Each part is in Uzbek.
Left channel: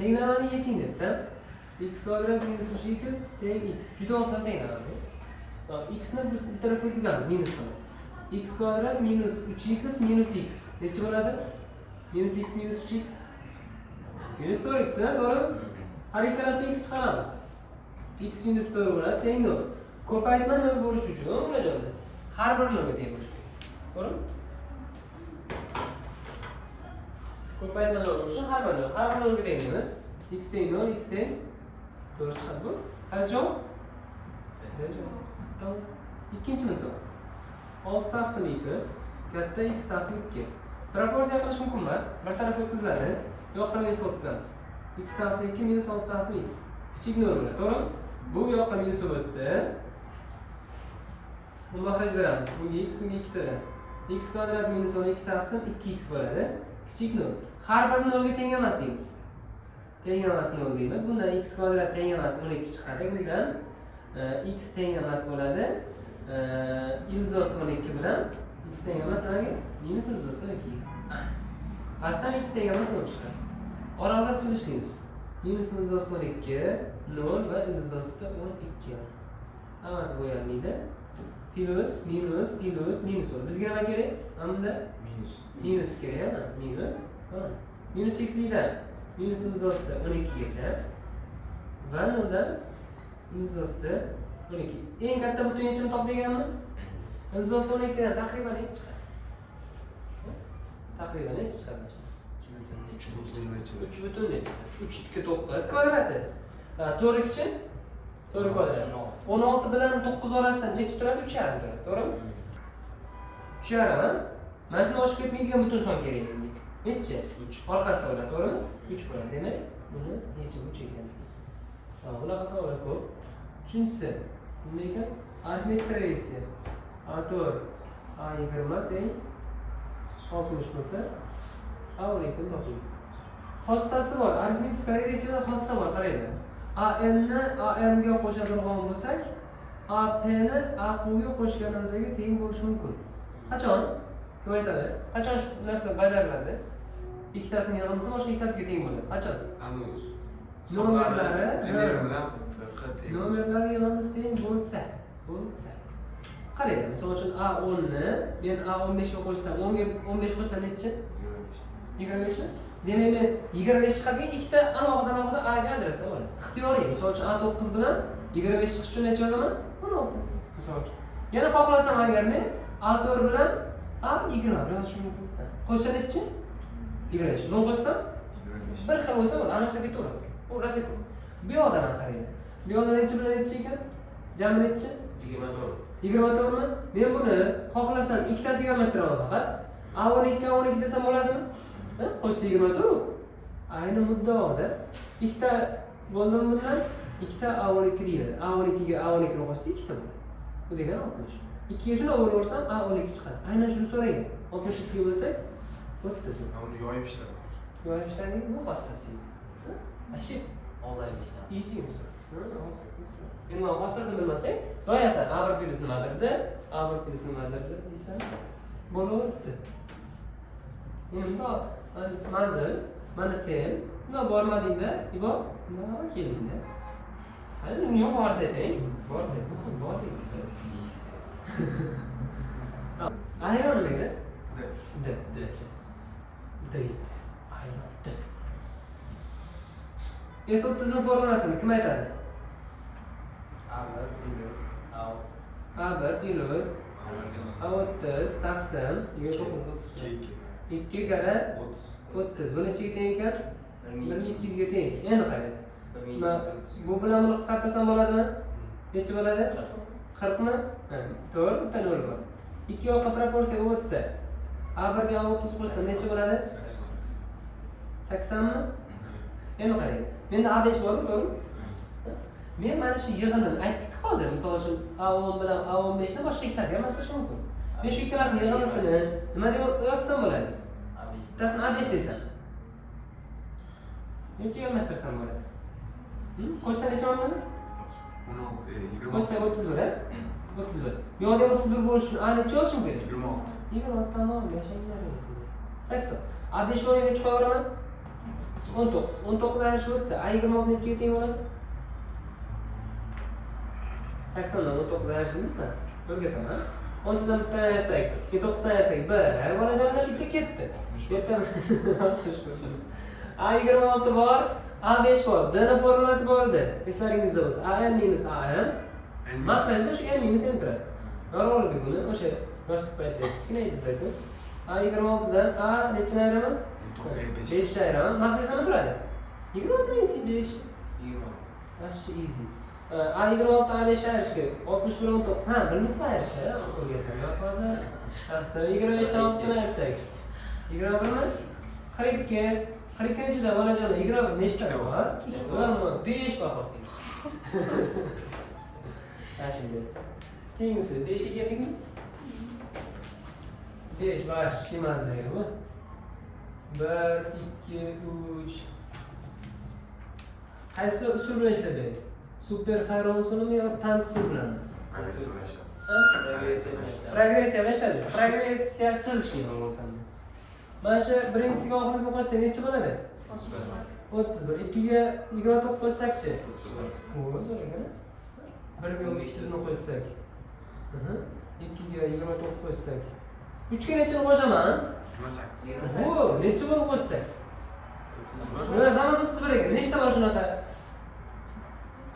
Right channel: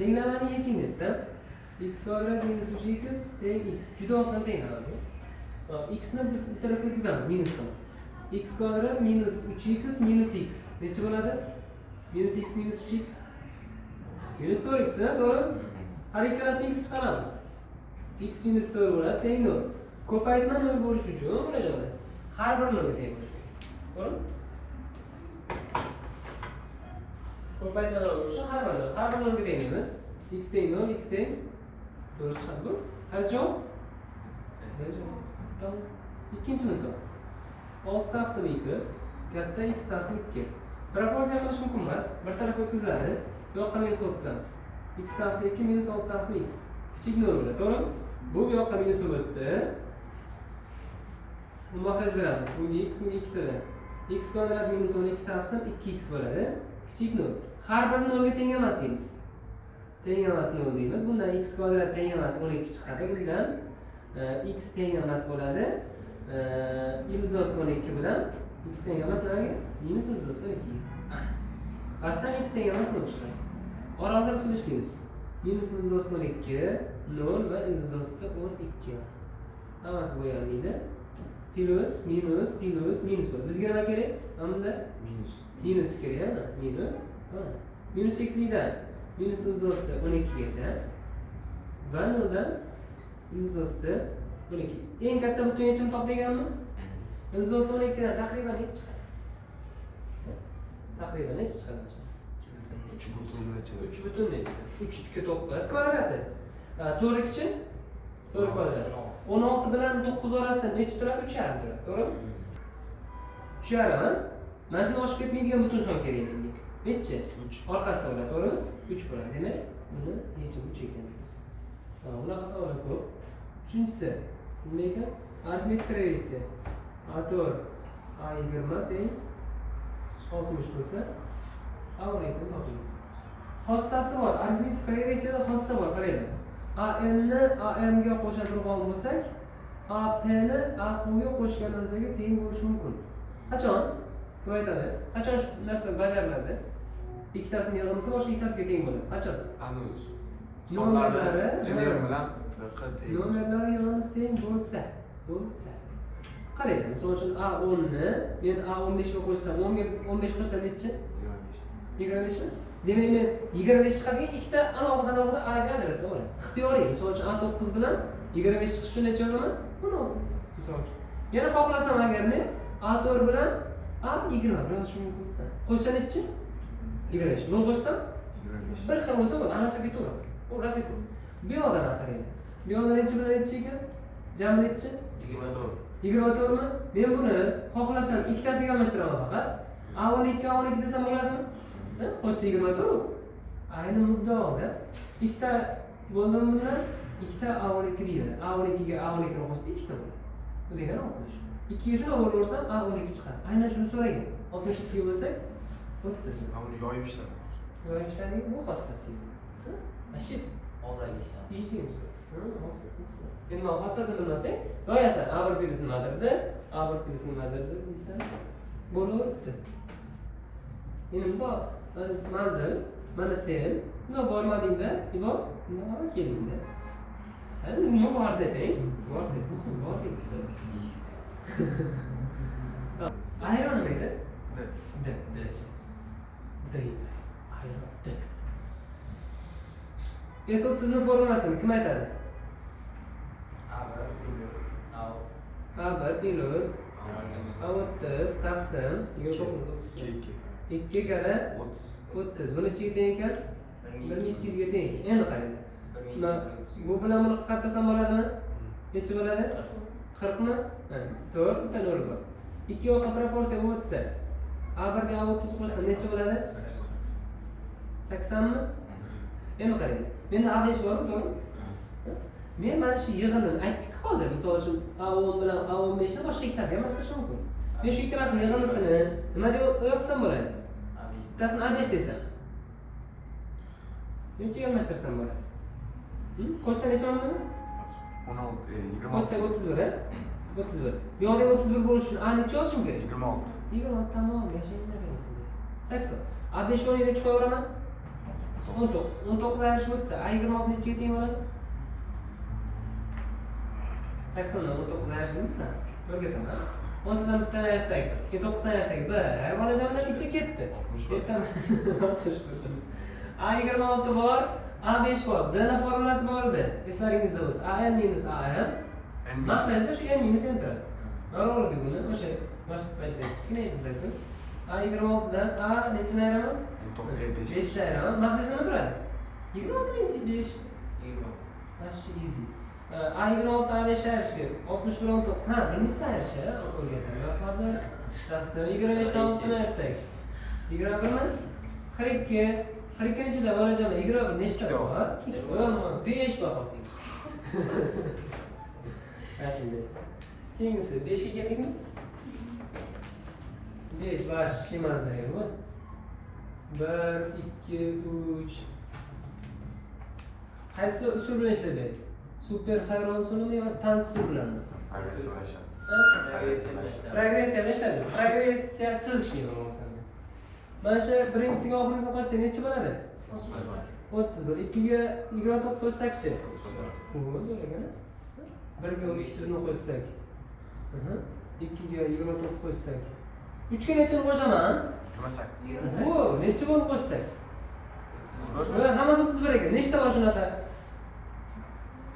Tenglamani yeching debdi. X kvadrat minus 3x teng x. Juda oson tenglamani. X ni bu tarafga o'tkazamiz minus qilib. X kvadrat minus 3x minus x. Necha bo'ladi? Minus x minus 3x. Minus 4x, to'g'ri? Har ikkalasidan x chiqaramiz. X minus 4 bo'ladi, teng 0. Ko'paytma 0 bo'lish uchun ularni har bir 0 ga teng bo'lishi kerak. To'g'ri? Ko'paytma 0 bo'lish uchun har bir 0 ga tenglaymiz. X teng 0, x teng 4 chiqadi bu. Qaysi javob? Tamam. Ikkinchi misol. 6 taqsim x katta x taqsim 2. Proporsiya qilish mumkin emas. Bir tarafga o'tkaziladi. Bu yoqqa minus o'tkazamiz. X taqsim 2 minus 6 taqsim x. Kichik 0 bo'ladi, to'g'rimi? Bu yoqqa minus o'tdi. Mahraj beramiz. Bunga x, bunga 2 tadan. X kvadrat minus 12 taqsim 2x bo'ladi. Kichik 0. Har bir 0 ga teng emas deymiz. Teng emas 0 deymiz. Bundan x kvadrat teng emas 12 chiqadi. Bundan x teng emas bo'ladi. Ildiz 12 bilan x teng emas nega? Minus ildiz 12. Aslan x teng emas 0 chiqadi. Oralar surishlaymiz. Minus ildiz 12, 0 va ildiz 12. Hammasi bo'yalmaydi. Plus, minus, plus, minus bo'ladi. Bizga nima kerak? Hamda minus kerak, minus. Minus x'likdan minus ildiz 12 gacha va undan ildiz 12. Eng katta butun yechimni top deganmi? Ildiz 12 dan taxriban necha chiqadi? Taxriban necha chiqadi? 3 9 kvadrati. 4-chi? 4 kvadrat. 16 bilan 9 orasida necha turadi? 3,5 turadi, to'g'rimi? 3,5. Mana shuni oshib ketmaydigan butun son kerak menga. Necha? 3. Orqasida bo'ladi, to'g'rimi? 3 bo'ladi. Demak, buni yechib 3 ekanmiz. Bunaqa savollar ko'p. Uchinchisi, nima ekan? Arifmetik progressiya. A4 A20 teng 60 bo'lsa, A12 toping. Xossasi bor. Arifmetik progressiyada xossa bor, qaranglar. AN ni AM ga qo'shadigan bo'lsak, AP ni AQ ga qo'shganimizga teng bo'lishi mumkin. Qachon? Kim aytadi? Qachon shu narsa bajariladi? Ikkitasini yig'indisi boshqa ikkitasiga teng bo'ladi. Qachon? Anus. Nomerlari NR bilan teng. Nomerlari yig'indisi teng bo'lsa. Qarang, misol uchun A10 ni men A15 ga qo'shsam, 10 ga 15 qo'shsam necha? 25 mi? Demak men 25 chiqadi, ikkita alohida A ga ajratsa bo'ladi. Ixtiyoriy. Misol uchun A9 bilan 25 chiqish uchun necha yozaman? 16. Misol uchun. Yana xohlasam agar men A4 bilan A20 yozishim mumkin. Qo'shsa necha? 25. Buni qo'shsam 25. Bir xil bo'lsa bo'ladi, anasi ketaveradi. U rosa ko'p. Bu yoqdan qarang. Bu yoqda necha bilan necha ekan? Jami necha? 24. 24 mi? Men buni xohlasam ikkitasiga almashtiraman faqat. A12 desam bo'ladimi? Qo'shsa 24. Ayni muddaoda ikkita bo'ldim bundan, ikkita A12 deyiladi. A12 ga A12 ni qo'shsa ikkita bo'ladi. Bu degani 60. 2 ga shuni o'g'irlasam A12 chiqadi. Aynan shuni so'ragan. 62 bo'lsa, o'ttizmi? Uni yoyib ishlab. Yoyib ishlaning bu xossasi. Ashib Ozayib ishlar. easy misol. Endi xossasini bilmasang, doyasan A1 plus nimadir, A1 plus nimadir deysan. Bo'laveradi. Endi bundoq manzil, mana sen, bundoq bormadingda, ibor, bundoq keldingda. Endi nima bor deng? Bor deng. Ayron nima? D. Ayron. S30 ni formulasini kim aytadi? A1 plus A30 taqsim 2 kara 30. Buni nechaga teng ekan? 1200 ga teng. Endi qarang. Bu bilan buni qisqartirsam bo'ladimi? Necha bo'ladi? 40 mi? To'g'ri, bitta 0 bor. Ikki yoqqa proporsiya o'tsa, A1 ga A30 qo'shsa necha bo'ladi? 80 mi? Endi qarang. Menda A5 bormi, to'g'rimi? Men mana shu yig'inni aytdik hozir. Misol uchun A10 bilan A15 ni boshqa ikkitasiga almashtirish mumkin. Men shu ikkalasini yig'indisini nima deb yozsam bo'ladi? Bittasini A5 desam. Nechaga almashtirsam bo'ladi? Qo'shsa necha bo'ladi? 16, Qo'shsa 26. 31, 31. Bu yoqda 31 bo'lish uchun A necha yozishim kerak? 26. 26 tamom, yashayman sizda. 80. A5 o'rniga necha qo'yaveraman? 19. 19 ayirishib o'tsa, A26 nechiga teng bo'ladi? 80 dan 19 ayirishimizmi? O'rgataman. 10 dan bittani ayirsak, 9 ayirsak 1. Bolajonlar 2 ketdi. Ertaman. A26 bor, A5 bor. Dni formulasi bor edi. Eslaringizda bo'lsa, AN minus AM. Mashlashda shu n minus n turadi. Normal edi buni. O'sha yoshlik paytida kichkina edizda-ku. A26 dan A nechini ayiraman? 5 ni ayiraman. Mashlash nima turadi? 26 minus 5. 20. Вообще easy. A26 A5 ayirishga 61 19. Ha, bilmaysizmi ayirishni? O'rgataman hozir. Yaxshi, 25 dan 6 ni ayirsak. 21 mi? 42. 42 ichida bolajonlar 20 nechta bor? 5 bor hozir. Şimdi keyingisi 5 ga keldikmi? 5 baş emas deyapman. 1 2 3 qaysi usul bilan ishlaydi? Super Hayron usulimi yo tank usuli bilanmi? Regressiya bilan ishlaydi. Regressiyasiz ishlayman bo'lsam. Mana shu birinchisiga oxirgisiga qo'shsak necha bo'ladi? 31. 2 ga 29 qo'shsak-chi? O'z o'ragani. 1 ga 5 ni qo'shsak. 2 ga 29 qo'shsak. 3 ga nechini qo'shaman? 28. Vo, necha bo'lib qo'shsak? Bular hammasi 31 ekan. Nechta bor shunaqa?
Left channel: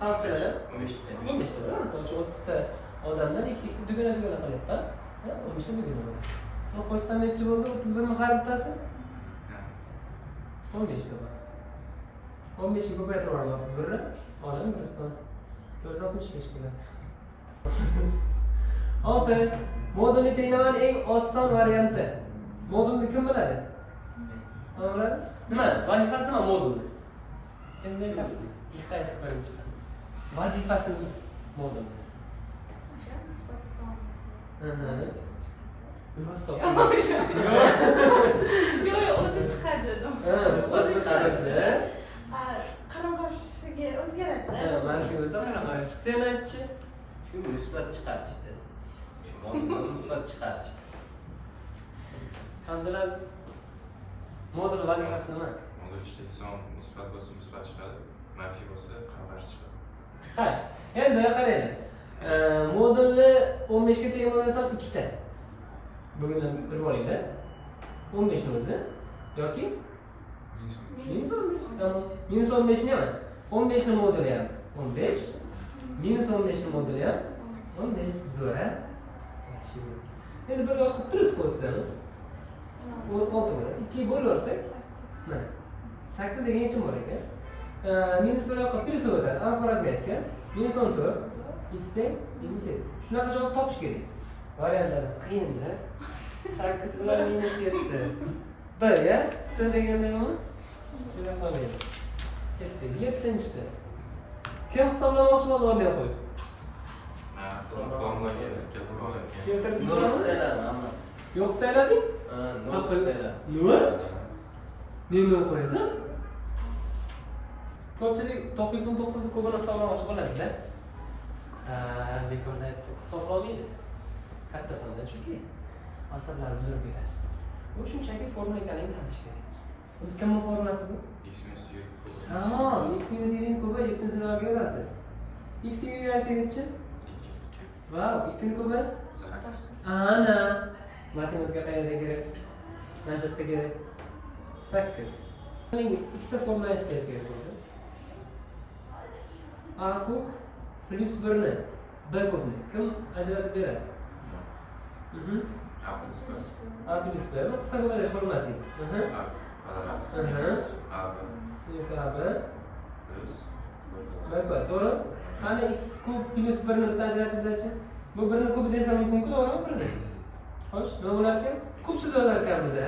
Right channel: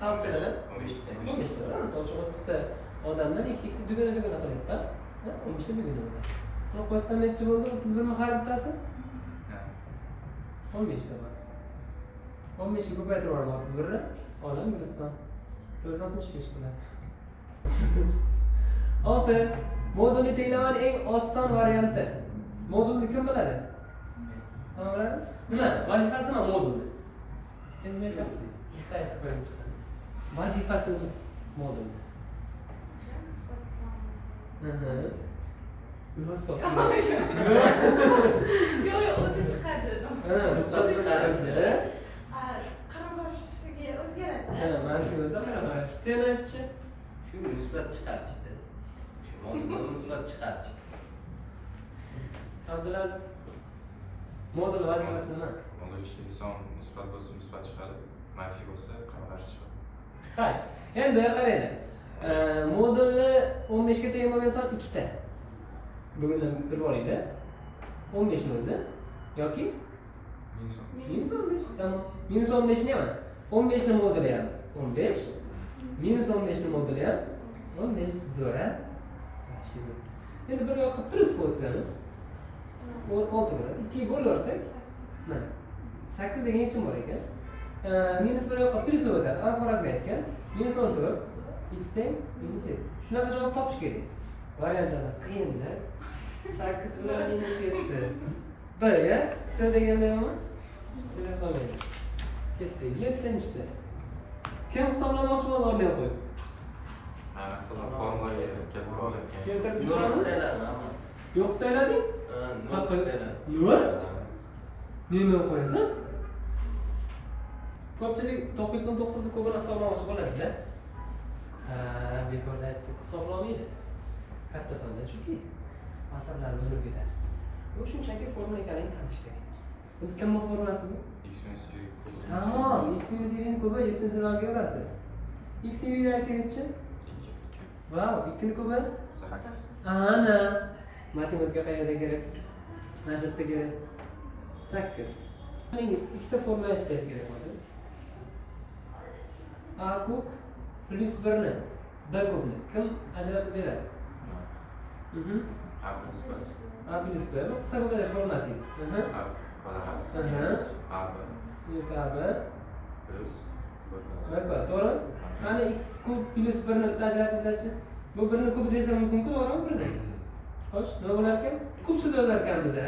Qarshida 15 ta. 15 ta. Masalan, 30 ta odamdan ikkita dugana qilyapman. 15 ta dugana. Buni qo'shsam necha bo'ldi? 31 mi har bittasi? 15 ta bor. 15 ga ko'paytirib yuboraman 31 ni. Odam Guliston 465 bo'ladi. 6. Modulni tenglaman eng oson varianti. Modulni kim biladi? Kim biladi? Nima? Vazifasi nima modulni? Vazifasi. Bitta aytib qo'yingchi. Vazifasi nima? Modulni. Stop. Yo'q, o'zi chiqadi dedim. O'zi chiqadi. Qaramashiga o'zgaradi. Mana shu o'zi qaramash. Senatchi. Shu musbat chiqarishdi. Shu modulni musbat chiqarishdi. Abdulaziz. Modul vazifasi nima? Modul ishlaydi, son musbat bo'lsa musbat chiqadi, manfiy bo'lsa qarshi chiqadi. Hay. Endi qarang. Modulni 15 ga teng bo'lgan soat 2 ta. Bugundan bir bo'linglar. 15 ni o'zi yoki minus 15. Tamam. Minus 15 nima? 15 ni moduli ham 15. Minus 15 ni moduli ham 15 zo'ra. Endi bir yoqqa plus qo'ysangiz 6 bo'ladi. 2 ga bo'lib olsak, mana 8 degan nechim bor ekan? Minus bir yoqqa plus o'tadi. Xorazmga aytgan. Minus 14 x teng minus 7. Shunaqa javob topish kerak. Variantlar qiyinlar. 8 bilan minus 7. Baya s deganda nima? Sizga qolmaydi. Ketdi. 7-si. Kim hisoblamoqchi bo'ldi o'rniga qo'yib? Keltirib yo'q taylading? Nima? Nima qo'yasan? Ko'pchilik 919 ni ko'proq hisoblamoqchi bo'ladi-da. Bekorda hisoblamaydi. Katta sonda chunki asallar buzib ketadi. Bu shunchaki formula ekanligini tanish kerak. Bu kimning formulasi bu? X minus y. Tamam, x minus y ning kubi 7-ni evrasi. X ni y aytsak nechi? 2. Vau, 2 ni kubi 8. Ana, matematika qayerda kerak? Nashatda kerak. 8. Menga ikkita formula yozishingiz kerak bo'lsa. A kub plus 1 ni B kubni kim ajratib beradi? A plus B. A plus B. Bu qisqa qo'llash formulasi. A kvadrat minus AB Minus AB plus B B kvadrat. kvadrat. To'g'ri? Qani x kub plus 1 ni ajratishingizchi? Bu 1 ni kubi desam mumkin-ku, to'g'rimi? 1 ni. Xo'sh, nima bo'lar ekan? Kubsiz bo'lar ekan bizda.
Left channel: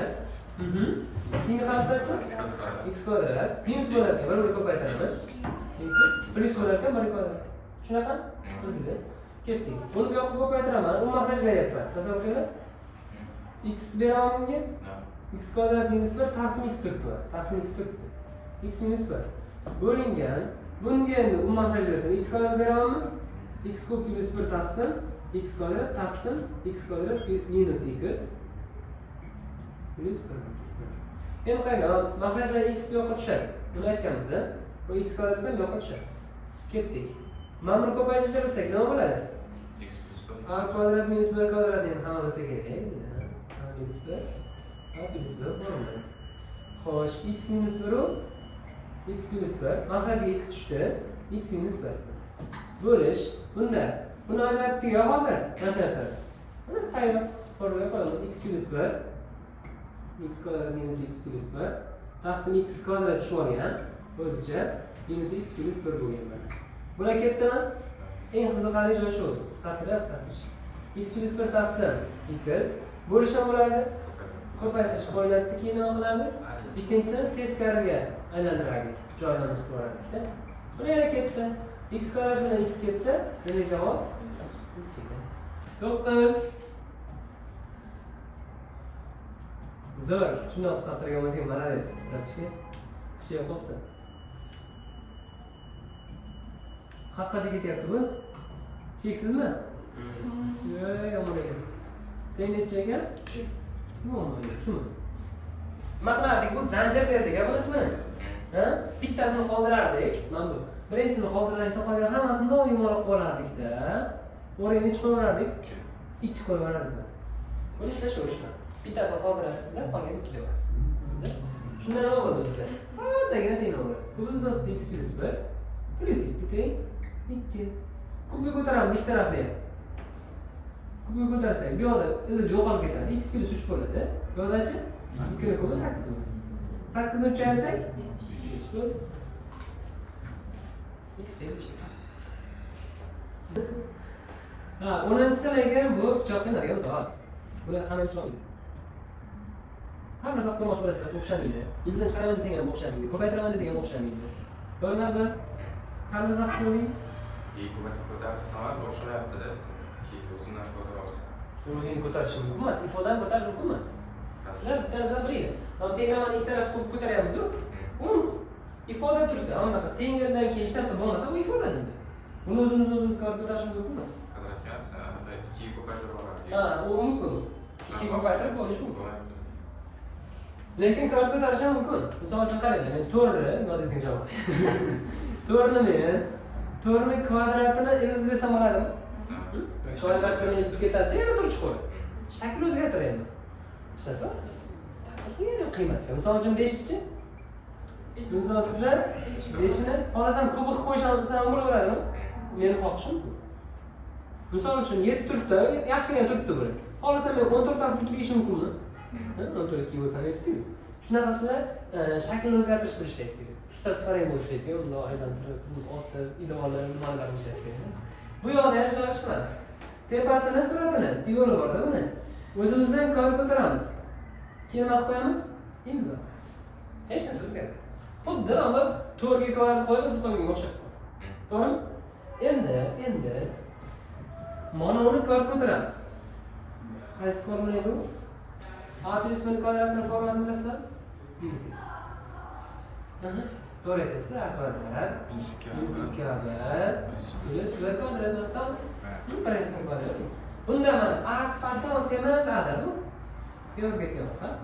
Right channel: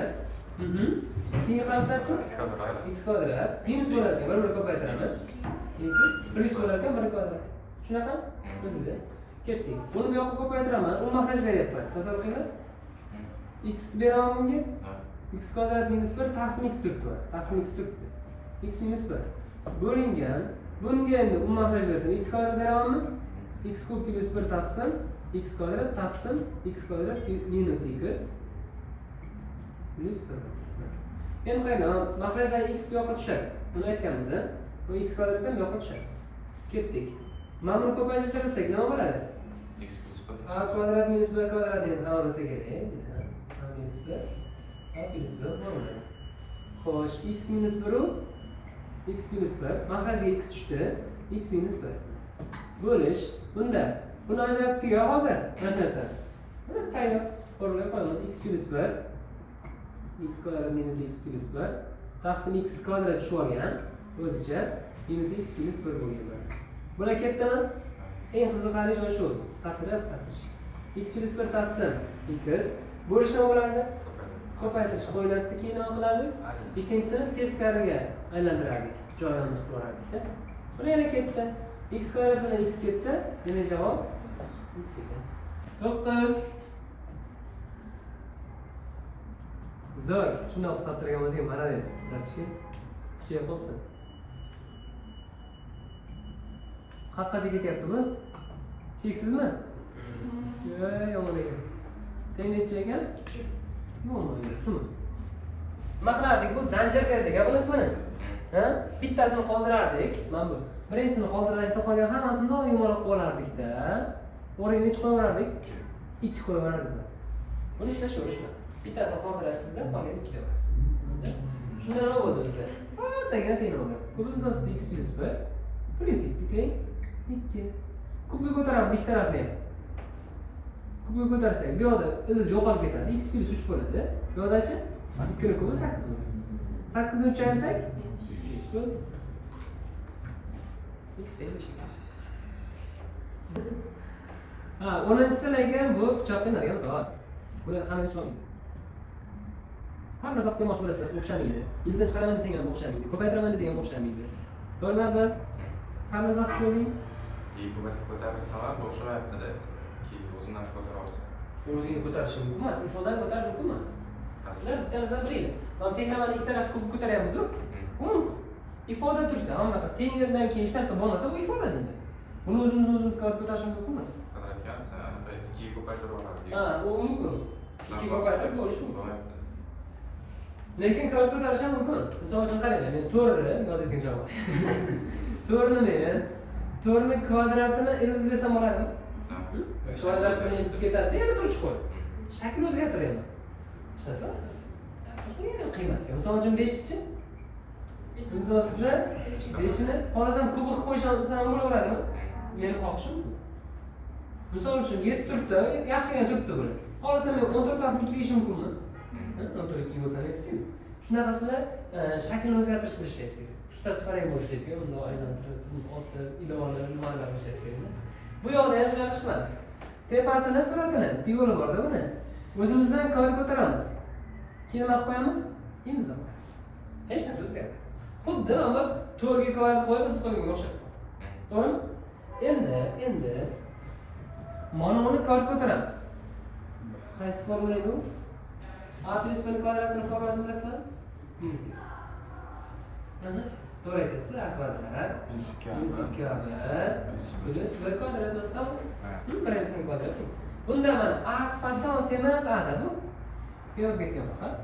Keyin qarashlarchi? X kvadrat. X kvadrat minus bo'lar ekan, 1 ko'paytiramiz. Plus bo'lar ekan 1 kvadrat. Shunaqa? Bizda. Ketdik. Buni bu yoqqa ko'paytiraman, u mahraj beryapman. Tasavvur qiling. X beraman bunga. X kvadrat minus 1 taqsim x turibdi. Taqsim x turibdi. X minus 1 bo'lingan. Bunga endi u mahraj bersam, x kvadrat beramanmi? X kub plus 1 taqsim x kvadrat taqsim x kvadrat minus x plus 1. Endi qarang, maqsadda x bu yoqqa tushadi. Buni aytganmiz, bu x kvadratdan bu yoqqa tushadi. Ketdik. Mana buni ko'paytirsak nima bo'ladi? X plus bir. A kvadrat minus b kvadratni ham hamma kerak. A minus b, a plus b bo'ladi. Xo'sh, x minus 1 x plus 1, makhrajga x tushdi, x minus 1. Bo'lish bunda. Buni ajratdik-ku hozir, mana shu narsani. Buni tayyor o'rniga qo'yamiz. X plus 1 x kvadrat minus x plus 1 taqsim x kvadrat tushib olgan o'zicha minus x plus 1 bo'lgan. Bular ketdimi? Eng qiziqarli joyi shu. Qisqartirish. X plus 1 taqsim x bo'lish nima bo'lardi? Ko'paytirish qo'yiladi. Keyin nima qilardik? Ikkinchisini teskariga aylantirardik. Joydan o'rardik-da. Buni yana ketdi. X kvadrat bilan x ketsa, nima javob? X ekan. 9. Zo'r. Shundoq qisqartirgan bo'lsa ham malades. Biratishga kuchayib qolsin. Qaqacha ketyapti bu? Cheksizmi? Yomon ekan. Teng necha ekan? Nima shumi? Nima qilardik? Bu zanjir derdik, buni ismini. Ha? Bittasini qoldirardik. Mana bu. Birinchisini qoldirardik, qolgan hammasini doim olib qo'yardik-da. O'ringa necha qo'yardik? 2 qo'yardik. Buni ishlashverishma. Bittasini qoldirasizlar, qolgan 2 qo'yasiz. Shundan nima bo'ldi bizda? Soddagina teng bo'ldi. Bu bizda x plus 1 plus 2 teng 2. Kubga ko'taramiz ikki tarafni ham. Kubga ko'tarsak, bu yoqda ildiz yo'qolib ketadi. X plus 3 bo'ladi. Bu yoqdachi 2 kubi 8 bo'ladi. 8 ni 3 ayirsak 5 bo'ladi. X teng 5. Ha, 10-silarga bu pichoqni nariga misol. Buni hamma tushunadi. Har narsa qilmoqchi bo'lasizlar, o'xshamaydi. Ildizdan chiqaraman desang ham o'xshamaydi. Ko'paytiraman desang ham o'xshamaydi. Bo'lmadi biz har narsa qilib qo'ying. Ko'tarsam ham o'xshamayapti dersiz. Keyin o'zimdan ko'tara olsam. O'zingni ko'tarish mumkin emas, ifodani ko'tarish mumkin emas. Sizlar bitta narsani bilinglar. Tengramani ikki taraf ko'p ko'taryapmiz-ku. Bu mumkin. Ifoda tursa, anaqa tengdan keyin hech narsa bo'lmasa, bu ifoda deydi. Buni o'zimiz ko'tarishimiz mumkin emas. Kvadratga san anaqa 2 ga ko'paytirib oladi. Ha, u mumkin. 2 ga ko'paytirib bo'lishi mumkin. Lekin kvadrat ko'tarish ham mumkin. Misol uchun qaranglar, men 4 yozgan javob. 4 ni men 4 ni kvadratini ildiz desam bo'ladimi? Kvadrat bilan ildiz ketadi, yana 4 chiqadi. Shakl o'zgartiraymi? Ishlasa? Ta'sir qiymat. Misol uchun 5-chi? Ildiz ostida 5 ni xohlasam kubik qilib qo'yishim ham bo'laveradimi? Meni xohishim. Misol uchun 7 turibdi, yaxshigina turibdi buni. Xohlasam men 14 tasini tiklashim mumkinmi? 14 2 bo'lsa 7. Shunaqasida shaklni o'zgartirish qilishlaysiz kerak. Ustasi farang bo'lishingiz kerak, bundoq aylantirib, ortda ilovalar, nimalar qilishlaysiz kerak. Bu yoqda ham shunaqa qilamiz. Tepasini suratini, devori borda buni. O'zimizdan kvadrat ko'taramiz. Keyin nima qilib qo'yamiz? Ildiz olamiz. Hech narsa o'zgarmaydi. Xuddi hozir 4 ga kvadrat qo'yib ildiz qo'ygan o'xshab. To'g'rimi? Endi mana uni kvadrat ko'taramiz. Qaysi formula edi u? A plus b kvadratning formulasini bilasizlar? To'g'ri aytyapsiz. A kvadrat minus 2ab plus b kvadrat to'g'ri? Birinchisi kvadrat. Bunda mana a sifatida semiz a da bu. Semiz ketgan faqat.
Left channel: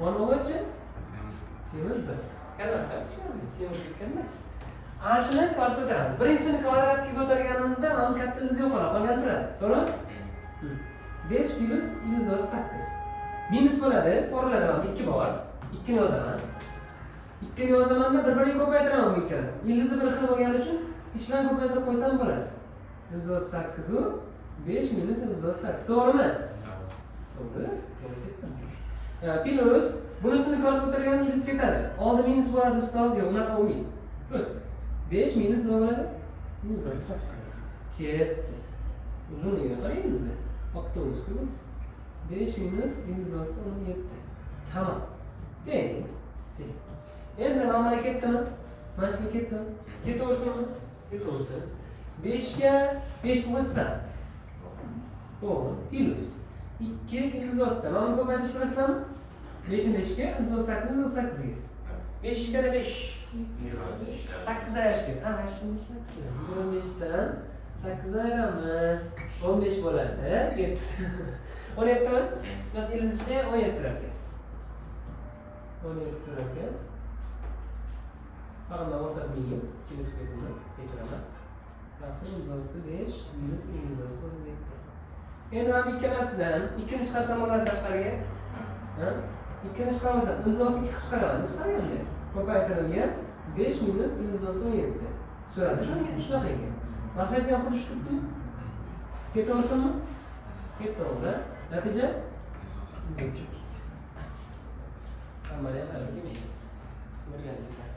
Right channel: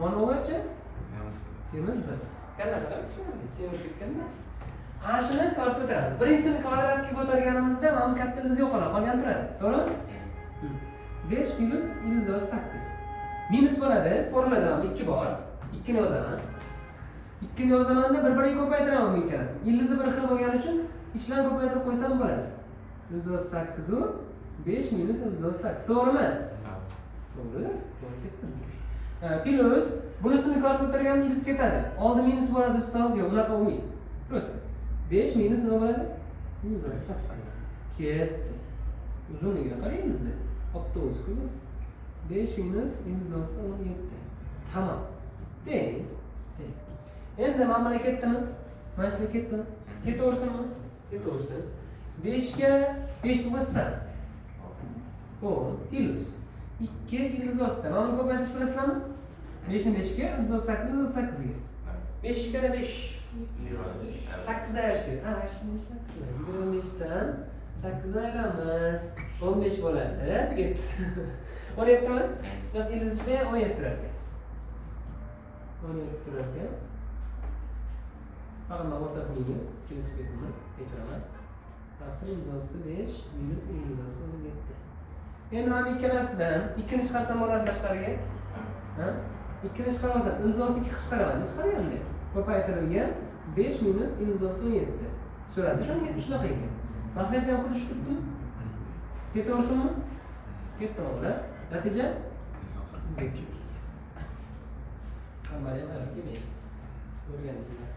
Mana o'chi semiz b. Qanday semiz ketganda? A shuni kvadrat ko'taramiz. Birinchisini kvadratga ko'targanimizda mana kattamiz yo'qoladi, qolgan turadi. To'g'rimi? 5 plus ildiz 8. Minus bo'ladi, formulada 2 bor. 2 ni yozaman. 2 ni yozamanda bir-biriga ko'paytiraman bu ikkalasini. Ildizi bir xil bo'lgani uchun ichdan ko'paytirib qo'ysam bo'ladi. Ildiz 8 u 5 minus ildiz 8. To'g'rimi? To'g'ri. Plus bunisini kvadrat ko'targanda ildiz ketadi. Oldi minus bo'ladi, ustoz yo'q, unaqa bo'lmaydi. Prosta. 5 minus nima bo'ladi? Ildiz 8. Ketdi. Uzunligiga qarayingizda. Avtobusku 5 minus ildiz 17. Tamam. Teng. Endi mana buna ketdimi? Mana shunga ketdimi? Ketaversinmi? Ketaversin. 5 ga 5 ni qo'shsa 10 plus 2 ildiz 8. Mana buni ko'paytirish bilasizlarmi? 5 ni 5 ga, ildiz 8 ni 8 ga. 5 kare 5. 8 ayirish kerak. Ha, 8. 25 dan 8 ayiramiz. 15 bo'ladi. 17 mi? Biz ildiz ichida 17 tarafga. Onu yurib turar ekan. Faqat mana o'rtasi minus, ikkinchisi ketmas, kechiraman. Taqsim imzosi 5 minus imzosi 17. Endi ham ikkalasidan 2 ni chiqarsam bo'ladi tashqariga. Ha? 2 ni chiqarsam imzosini 2 qilib chiqaraman. Chiqaryapman. Ko'paytirilgan 5 minus imzosi 17. Surati shunaqa ekan. Maxrajda ham xuddi shu turibdimi? Ketaversinmi? Ketaveradi. Natija? Hamma ham kelmaydi. Ko'rganingizdek.